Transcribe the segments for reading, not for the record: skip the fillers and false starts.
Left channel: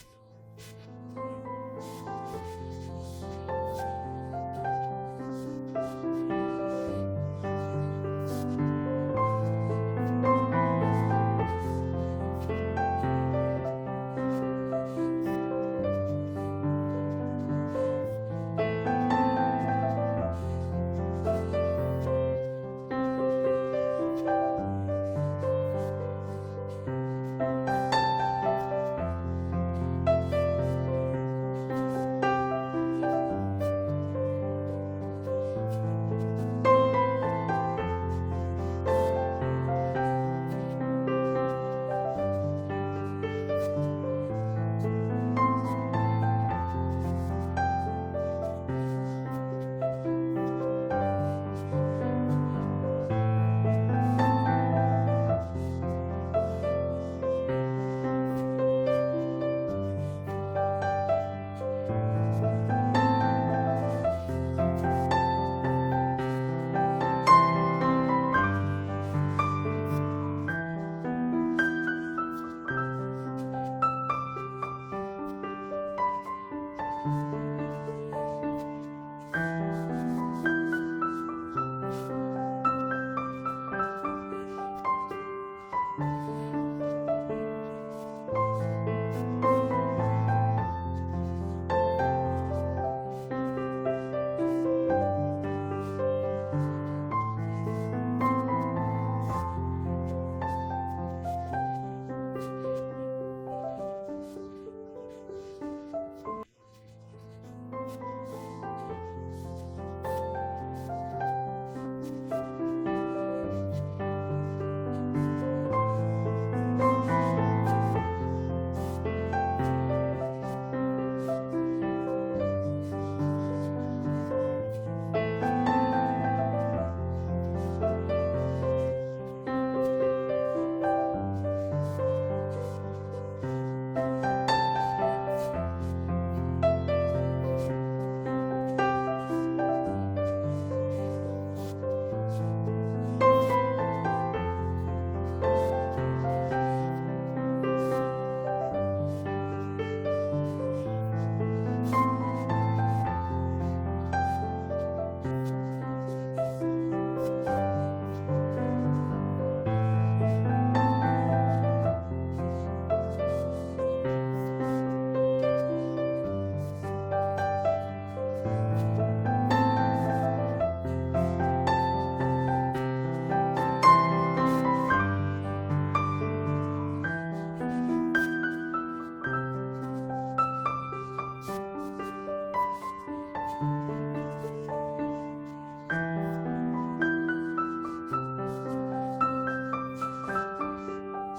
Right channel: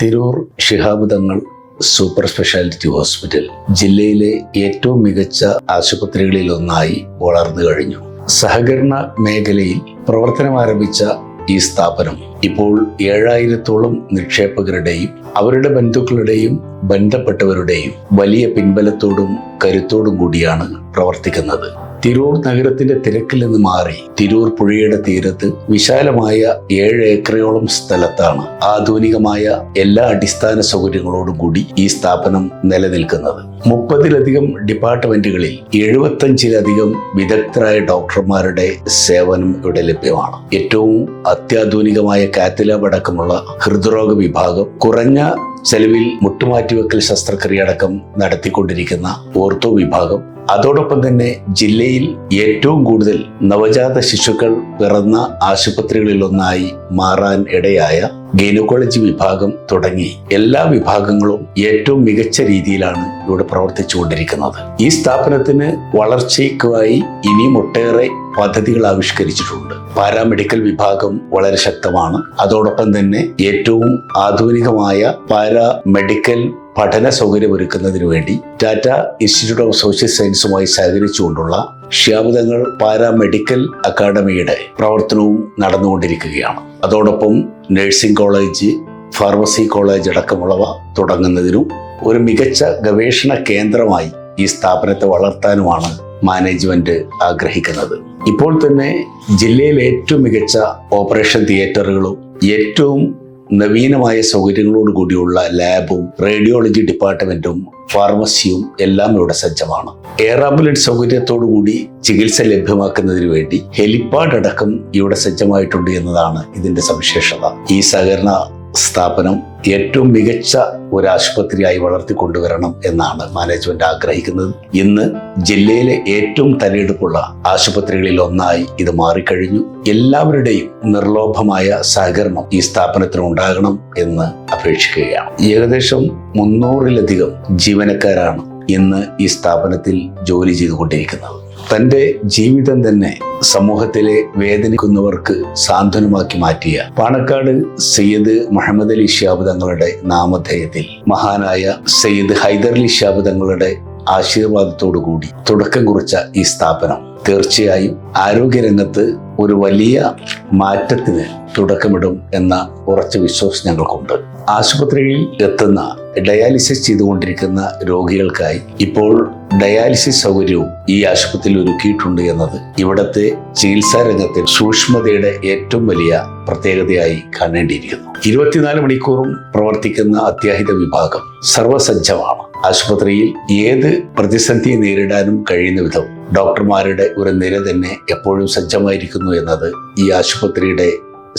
Tirur Shihab Thangal super speciality hospital ജില്ലയിലെ ഏറ്റവും മികച്ച ആശുപത്രികളിലൊന്നായി വളർന്നു കഴിഞ്ഞു. സഹകരണ മേഖലയിൽ പ്രവർത്തനം ആരംഭിച്ച ഈ സ്ഥാപനം ഇപ്പോൾ 7000-ഓളം നിക്ഷേപകരുടെയും അവരുടെ ബന്ധുക്കളുടെയും ബന്ധപ്പെട്ടവരുടെയും വലിയ പിൻബലത്തോടും കരുത്തോടും കൂടിയാണ് പ്രവർത്തിക്കുന്നത്. തിരൂർ നഗരത്തിന്റെ തിരക്കിൽ നിന്ന് മാറി തിരൂർ പുഴയുടെ തീരത്ത് വിശാലമായ 7 ഏക്കറോളം സ്ഥലത്താണ് ആധുനികമായ എല്ലാ അടിസ്ഥാന സൗകര്യങ്ങളോടും കൂടി ഈ സ്ഥാപനം നിലനിൽക്കുന്നത്. 30-ലധികം ഡിപ്പാർട്ട്മെന്റുകളിൽ 75-ലധികം വിദഗ്ധരായ ഡോക്ടർമാരുടെ സേവനം ഇവിടെ ലഭ്യമാണ്. ഏറ്റവും അത്യാധുനികമായ കാത്തലാബ് അടക്കമുള്ള ഹൃദ്രോഗ വിഭാഗം, കുറഞ്ഞ ചെലവിൽ മുട്ടുമാറ്റിവെക്കൽ ശസ്ത്രക്രിയ അടക്കം നടത്തിക്കൊണ്ടിരിക്കുന്ന ഓർത്തോ വിഭാഗം, അതോടൊപ്പം തന്നെ ജില്ലയിൽ ഏറ്റവും കൂടുതൽ നവജാത ശിശുക്കൾ പിറന്ന ആശുപത്രികളിലൊന്നായി മാറാൻ ഇടയായ ഗൈനക്കോളജി വിഭാഗം തുടങ്ങി എല്ലാ വിഭാഗങ്ങളും ഏറ്റവും മികച്ച രീതിയിലാണ് ഇവിടെ പ്രവർത്തിച്ചുകൊണ്ടിരിക്കുന്നത്. ഈ സ്ഥാപനത്തിന് വളർച്ചയ്ക്കായി ഇനിയും ഒട്ടേറെ പദ്ധതികൾ ആവിഷ്കരിച്ചിട്ടുണ്ട്. പാരാമെഡിക്കൽ വിഭാഗം വളരെ ശക്തമാണ്. അതോടൊപ്പം തന്നെ ഏറ്റവും ആധുനികമായ പാരാമെഡിക്കൽ പഠന സൗകര്യം ഒരുക്കുന്നതിന് വേണ്ടി ടാറ്റ ഇൻസ്റ്റിറ്റ്യൂട്ട് ഓഫ് സോഷ്യൽ സയൻസുമായി സഹകരിച്ചുകൊണ്ടുള്ള ശിഹാബ് തങ്ങൾ പാരാമെഡിക്കൽ അക്കാദമിയുടെ പ്രവർത്തനവും നടന്നുകൊണ്ടിരിക്കുകയാണ്. അതോടൊപ്പം നഴ്സിംഗ് കോളേജ്, ഫാർമസി കോളേജ് അടക്കമുള്ളവ തുടങ്ങുന്നതിനും ഒരു മികച്ച ഗവേഷണ കേന്ദ്രമായി ഈ സ്ഥാപനത്തെ വളർത്താനുമാണ് മാനേജ്മെന്റ് ആഗ്രഹിക്കുന്നത്. ഇപ്പോൾ തന്നെ ജില്ലയിലെ ഏറ്റവും മികച്ച ഓപ്പറേഷൻ തിയേറ്ററുകളും ഏറ്റവും നവീനമായ സൗകര്യങ്ങളോട് കൂടിയുള്ള ലാബും റേഡിയോളജി ഡിപ്പാർട്ട്മെന്റും ഫാർമസിയും എല്ലാം ഇവിടെ സജ്ജമാണ്. എയർ ആംബുലൻസ് സൗകര്യത്തോടു കൂടി ചികിത്സ ലഭ്യമാക്കുന്നതിന് വേണ്ടി ഹെലിപ്പാഡ് അടക്കം ഇവിടെ സജ്ജമായിട്ടുണ്ട് എന്നതാണ് ഇതിന്റെ സവിശേഷത. ഈ സഹകരണ സ്ഥാപനം ഏറ്റവും മികച്ച ഒരു ആശുപത്രിയായി വളർത്തിക്കൊണ്ടുവരണം എന്നാണ് മാനേജ്മെന്റ് ആഗ്രഹിക്കുന്നത്. ഇന്ന് ജില്ലയിലെ ഏറ്റവും തലയെടുപ്പുള്ള ആശുപത്രികളിൽ ഒന്നായി ഇത് മാറിക്കഴിഞ്ഞു. എല്ലാവരുടെയും നിർലോഭമായ സഹകരണം ഈ സ്ഥാപനത്തിന് ഉണ്ടാകണം എന്ന് അപേക്ഷിക്കുകയാണ്. ഏകദേശം 300-ലധികം ജീവനക്കാരാണ് ഇന്ന് ഈ സ്ഥാപനത്തിൽ ജോലി ചെയ്തുകൊണ്ടിരിക്കുന്നത്. തന്റെ ജീവിതം തന്നെ സമൂഹത്തിലെ വേദനിക്കുന്നവർക്ക് സാന്ത്വനമാക്കി മാറ്റിയ പാണക്കാട് സയ്യിദ് മുഹമ്മദ് അലി ശിഹാബ് തങ്ങളുടെ നാമധേയത്തിൽ മഹാനായ സയ്യിദ് ഹൈദരലി ശിഹാബ് തങ്ങളുടെ ആശീർവാദത്തോടു കൂടി തുടക്കം കുറിച്ച ഈ സ്ഥാപനം തീർച്ചയായും ആരോഗ്യരംഗത്ത് ഒരു വലിയ മാറ്റത്തിന് തുടക്കമിടും എന്ന ഉറച്ച വിശ്വാസം ഞങ്ങൾക്കുണ്ട്. ആശുപത്രിയിൽ എത്തുന്ന ഡയാലിസിസ് ചെയ്തുകൊണ്ടിരിക്കുന്ന രോഗികൾക്കായി ഇപ്പോൾ ഡയാലിസിസ് സൗകര്യവും ഈ ആശുപത്രിയിൽ ഒരുക്കിയിട്ടുണ്ട് എന്നത് ഇവിടത്തെ ചികിത്സാ രംഗത്തെ സൂക്ഷ്മതയുടെ ഏറ്റവും വലിയ പ്രത്യേകതയായി കാണേണ്ടിയിരിക്കുന്നു. 24 മണിക്കൂറും പ്രവർത്തിക്കുന്ന അത്യാഹിത വിഭാഗം സർവസജ്ജമാണ്. ആശുപത്രിയിൽ ഏത് പ്രതിസന്ധിയെ നേരിടാനും കഴിയുന്ന വിധം ഡോക്ടർമാരുടെ ഒരു നിര തന്നെ എപ്പോഴും സജ്ജമായിരിക്കുന്നു എന്നത് ഈ ആശുപത്രിയുടെ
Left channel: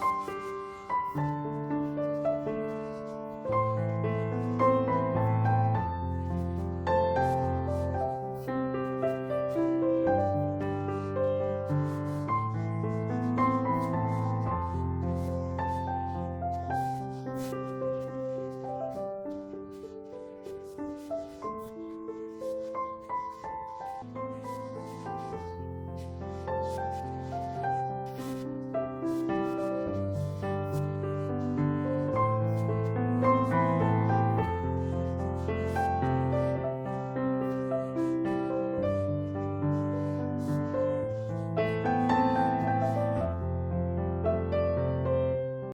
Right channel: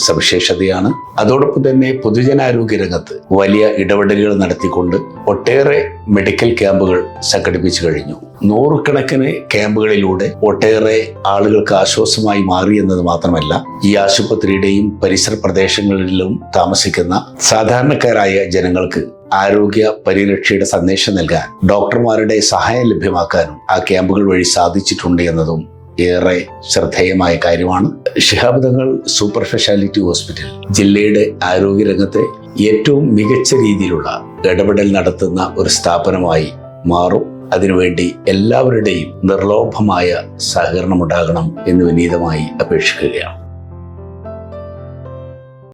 സവിശേഷതയാണ്. അതോടൊപ്പം തന്നെ പൊതുജനാരോഗ്യ രംഗത്ത് വലിയ ഇടപെടലുകൾ നടത്തിക്കൊണ്ട് ഒട്ടേറെ മെഡിക്കൽ ക്യാമ്പുകൾ സംഘടിപ്പിച്ചു കഴിഞ്ഞു. 100 ക്യാമ്പുകളിലൂടെ ഒട്ടേറെ ആളുകൾക്ക് ആശ്വാസമായി മാറി എന്നത് മാത്രമല്ല, ഈ ആശുപത്രിയുടെയും പരിസര പ്രദേശങ്ങളിലും താമസിക്കുന്ന സാധാരണക്കാരായ ജനങ്ങൾക്ക് ആരോഗ്യ പരിരക്ഷയുടെ സന്ദേശം നൽകാൻ ഡോക്ടർമാരുടെ സഹായം ലഭ്യമാക്കാനും ആ ക്യാമ്പുകൾ വഴി സാധിച്ചിട്ടുണ്ട് എന്നതും ഏറെ ശ്രദ്ധേയമായ കാര്യമാണ്. Shihab Thangal super speciality hospital ജില്ലയുടെ ആരോഗ്യരംഗത്തെ ഏറ്റവും മികച്ച രീതിയിലുള്ള ഇടപെടൽ നടത്തുന്ന ഒരു സ്ഥാപനമായി മാറും. അതിനുവേണ്ടി എല്ലാവരുടെയും നിർലോഭമായ സഹകരണം ഉണ്ടാകണം എന്ന് വിനീതമായി അപേക്ഷിക്കുകയാണ്.